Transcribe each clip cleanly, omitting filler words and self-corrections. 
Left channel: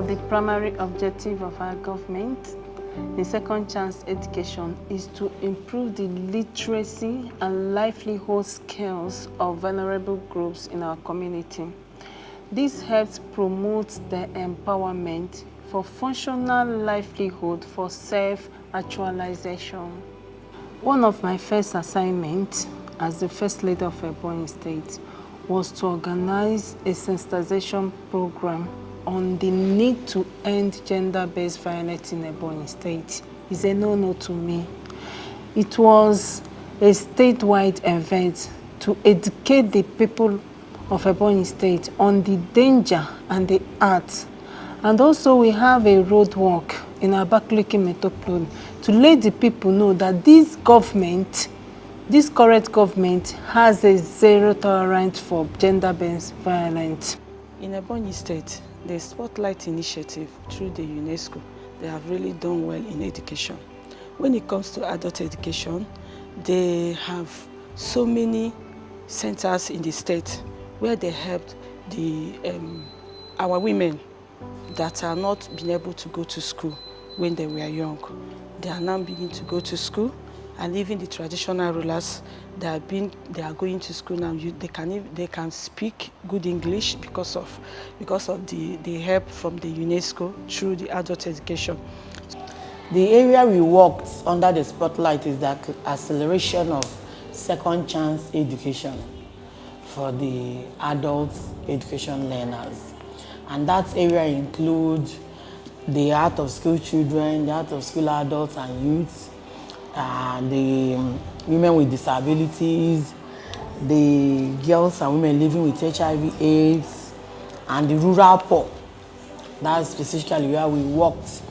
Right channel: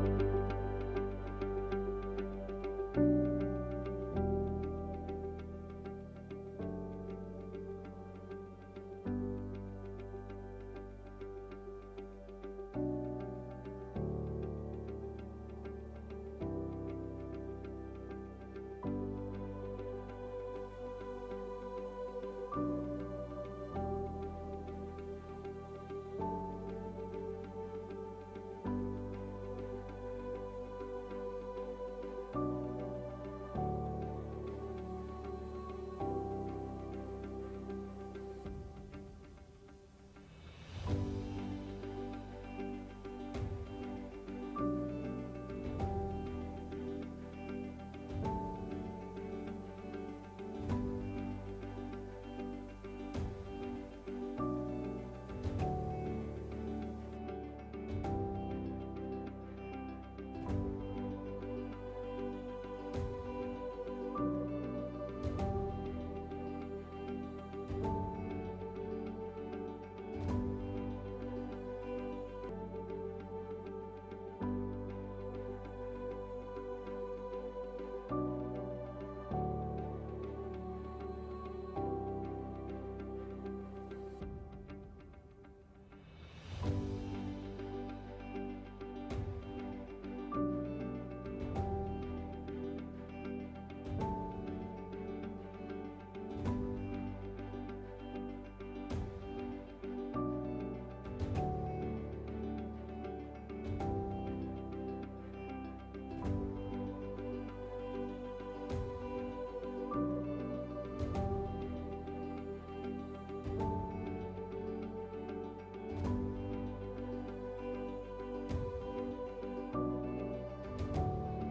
of the primary objectives of our government, the second chance education, is to improve the literacy and livelihood skills of vulnerable groups in our community. This helps promote the empowerment for functional livelihood for self-actualization. One of my first assignments as the first lady of Ebonyi State was to organize a sensitization program on the need to end gender-based violence in Ebonyi State. It's a no-no to me. It was a statewide event to educate the people of Ebonyi State on the danger and the art. And also we have a roadwork in our Abakaliki Metropole to let the people know that this government, this current government, has a zero tolerance for gender-based violence. In Ebonyi State, the Spotlight Initiative through the UNESCO, they have really done well in education. When it comes to adult education, they have so many centers in the state where they helped our women that are not being able to go to school when they were young. They are now beginning to go to school, and even the traditional rulers they are going to school now. They can speak good English because of the help from the UNESCO through the adult education. The area we worked under the spotlight is the acceleration of second chance education for the adult education learners. And that area includes the out-of-school children, the out-of-school adults and youths, the women with disabilities, the girls and women living with HIV/AIDS, and the rural poor. That's specifically where we worked.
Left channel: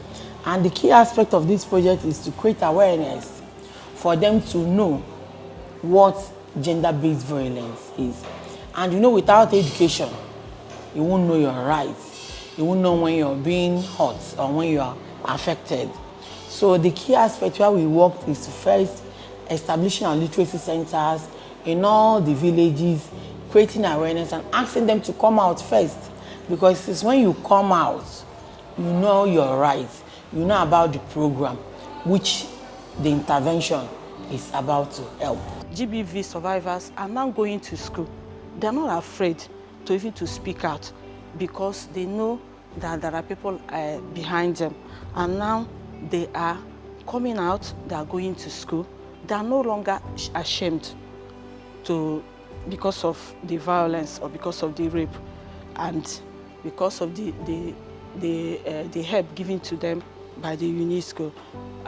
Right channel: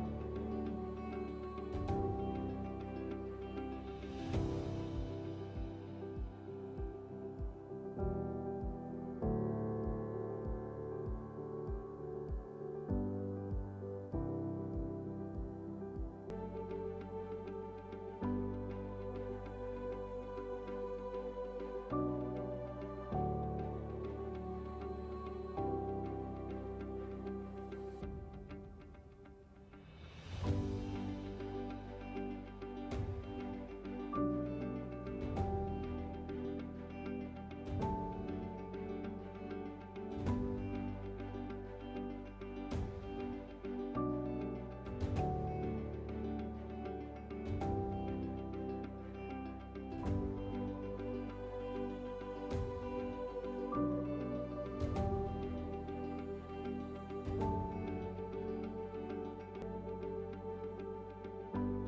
And the key aspect of this project is to create awareness for them to know what gender-based violence is. And you know, without education, you won't know your rights. You won't know when you're being hurt or when you are affected. So the key aspect where we worked is to first establishing our literacy centers in all the villages, creating awareness and asking them to come out first. Because it's when you come out, you know your rights, you know about the program, which the intervention is about to help. GBV survivors are now going to school. They're not afraid to even to speak out because they know that there are people behind them. And now they are coming out, they are going to school. They are no longer ashamed because of the violence or because of the rape and because of the help given to them by the UNESCO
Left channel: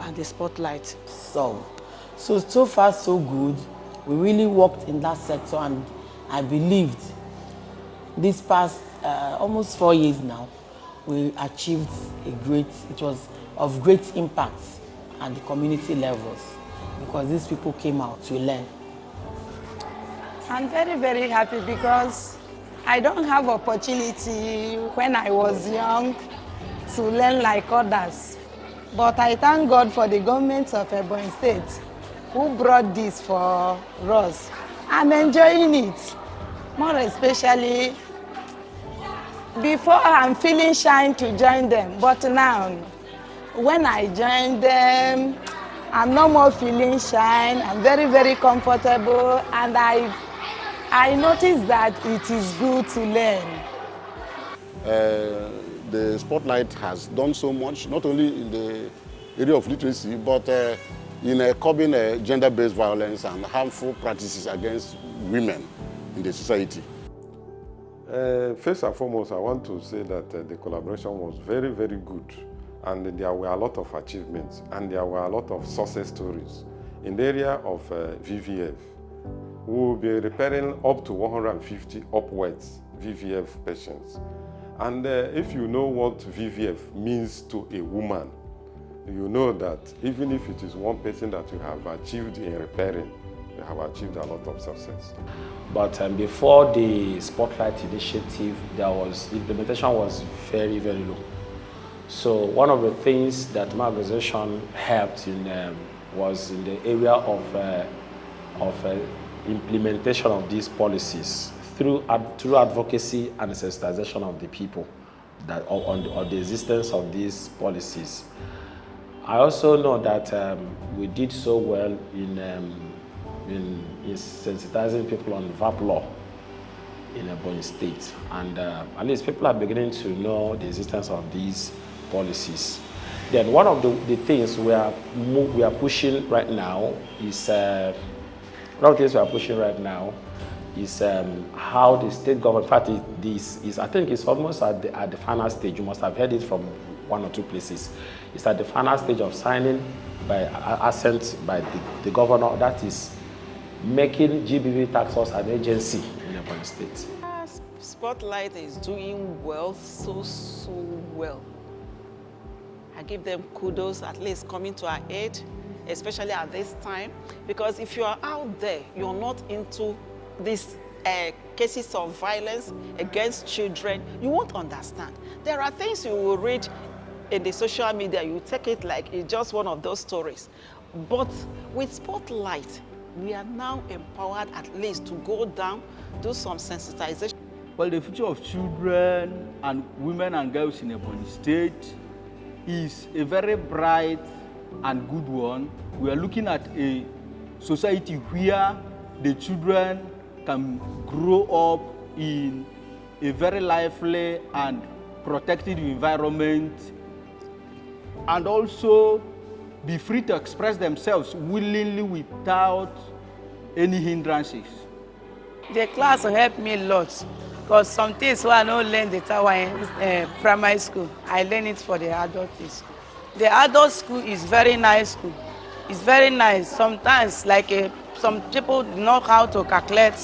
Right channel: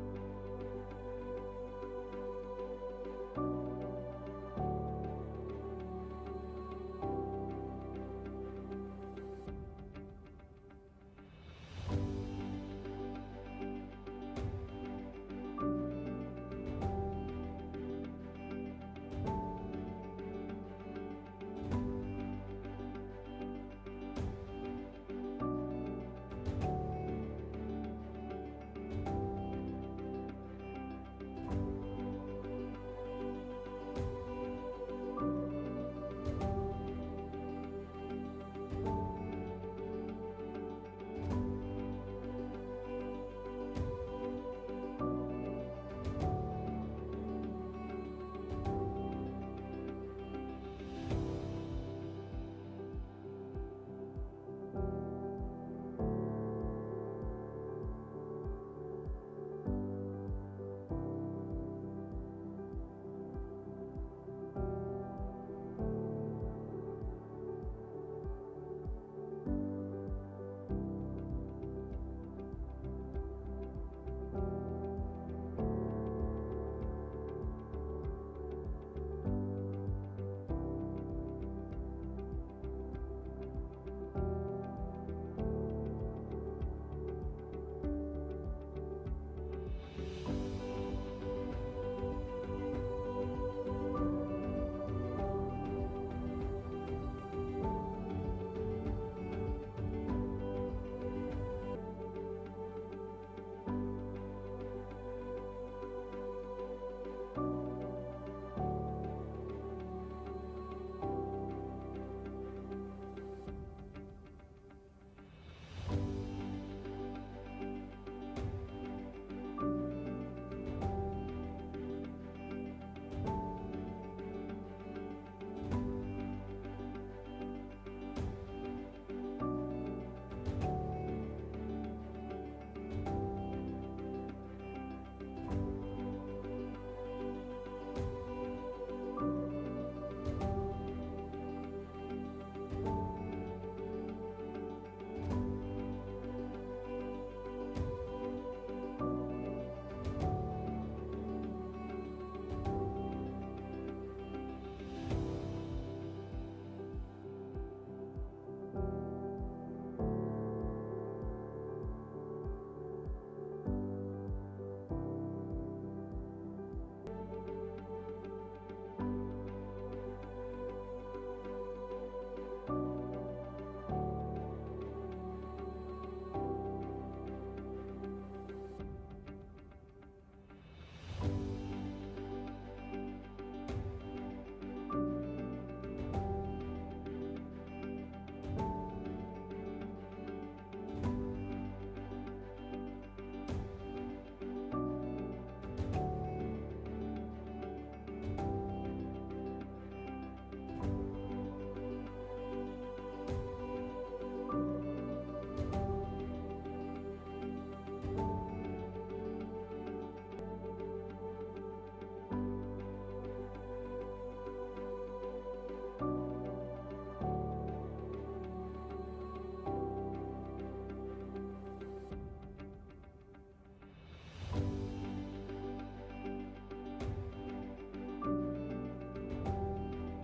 and the Spotlight. So far so good. We really worked in that sector, and I believed this past almost 4 years now, we achieved it was of great impact at the community levels because these people came out to learn. I'm very, very happy because I don't have opportunity when I was young to learn like others. But I thank God for the government of Ebonyi State who brought this for us. I'm enjoying it, more especially before I'm feeling shy to join them. But now, when I join them, I'm no more feeling shy. I'm very, very comfortable, and I noticed that it is good to learn. The Spotlight has done so much, not only in the area of literacy, but in curbing gender-based violence and harmful practices against women in the society. First and foremost, I want to say that the collaboration was very, very good, and there were a lot of achievements, and there were a lot of success stories. In the area of VVF, we will be repairing up to 150 upwards VVF patients. And if you know what VVF means to a woman, you know that even if it is one person that you have achieved in repairing, you have achieved a lot of success. But before the Spotlight initiative, the implementation was very, very low. So one of the things that my organization helped in was in the area of implementation of these policies through advocacy and sensitization of the people. that on the existence of these policies. I also know that we did so well in sensitizing people on VAP law in Ebonyi State, and at least people are beginning to know the existence of these policies. Then one of the things we are pushing right now is how the state government. In fact, I think it's almost at the final stage. You must have heard it from one or two places. It's at the final stage of signing by assent by the governor. That is making GBV tax force an agency in Ebonyi State. Spotlight is doing well, so well. I give them kudos, at least coming to our aid, especially at this time, because if you are out there, you're not into these cases of violence against children, you won't understand. There are things you will read in the social media, you take it like it's just one of those stories. But with Spotlight, we are now empowered at least to go down, do some sensitization. Well, the future of children and women and girls in Ebonyi State is a very bright and good one. We are looking at a society where the children can grow up in a very lively and protected environment, and also be free to express themselves willingly without any hindrances. The class helped me a lot, because some things I don't learn the time in primary school, I learn it for the adult school. The adult school is very nice school. It's very nice. Sometimes, some people know how to calculate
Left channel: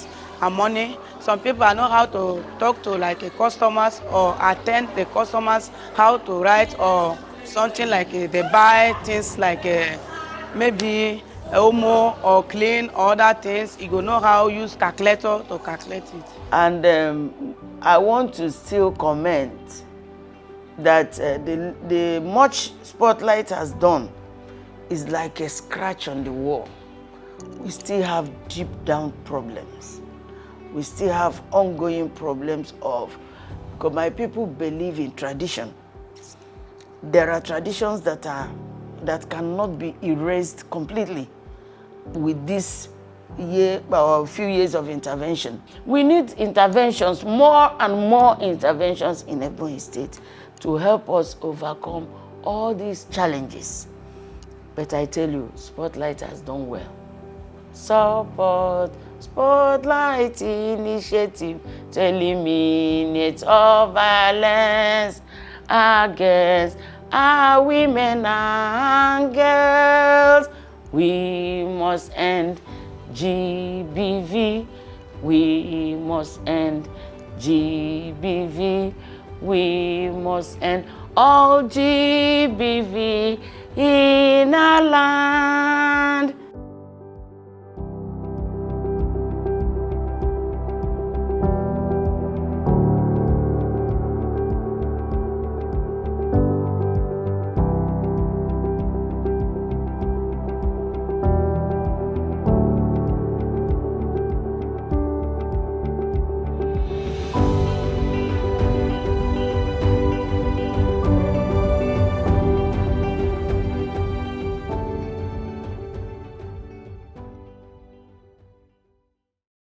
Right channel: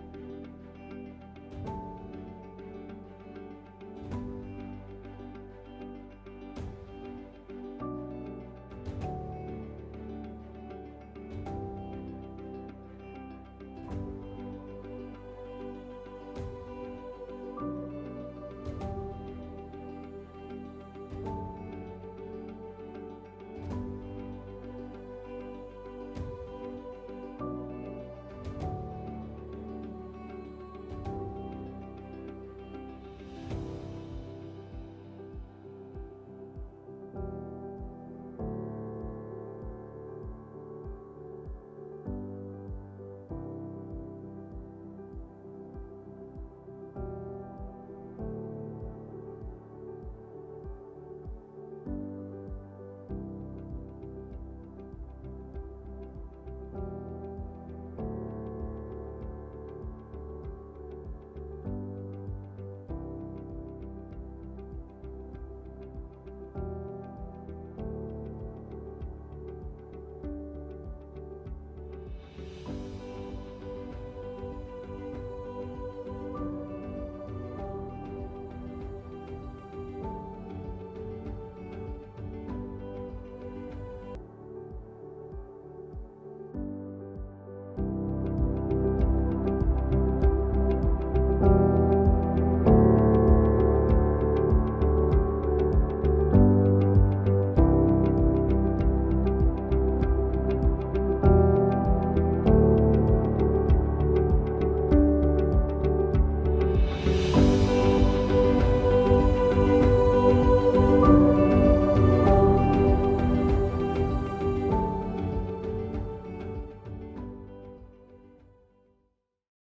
money. Some people know how to talk to customers or attend the customers, how to write or something they buy things maybe Omo or clean or other things. You go know how to use calculator to calculate it. And I want to still comment that the much Spotlight has done is like a scratch on the wall. We still have deep down problems. We still have ongoing problems because my people believe in tradition. There are traditions that cannot be erased completely with this year or a few years of intervention. We need interventions, more and more interventions in Ebonyi State to help us overcome all these challenges. But I tell you, Spotlight has done well. Support Spotlight initiative to eliminate all violence against our women and girls. We must end GBV. We must end GBV. We must end all GBV in our land.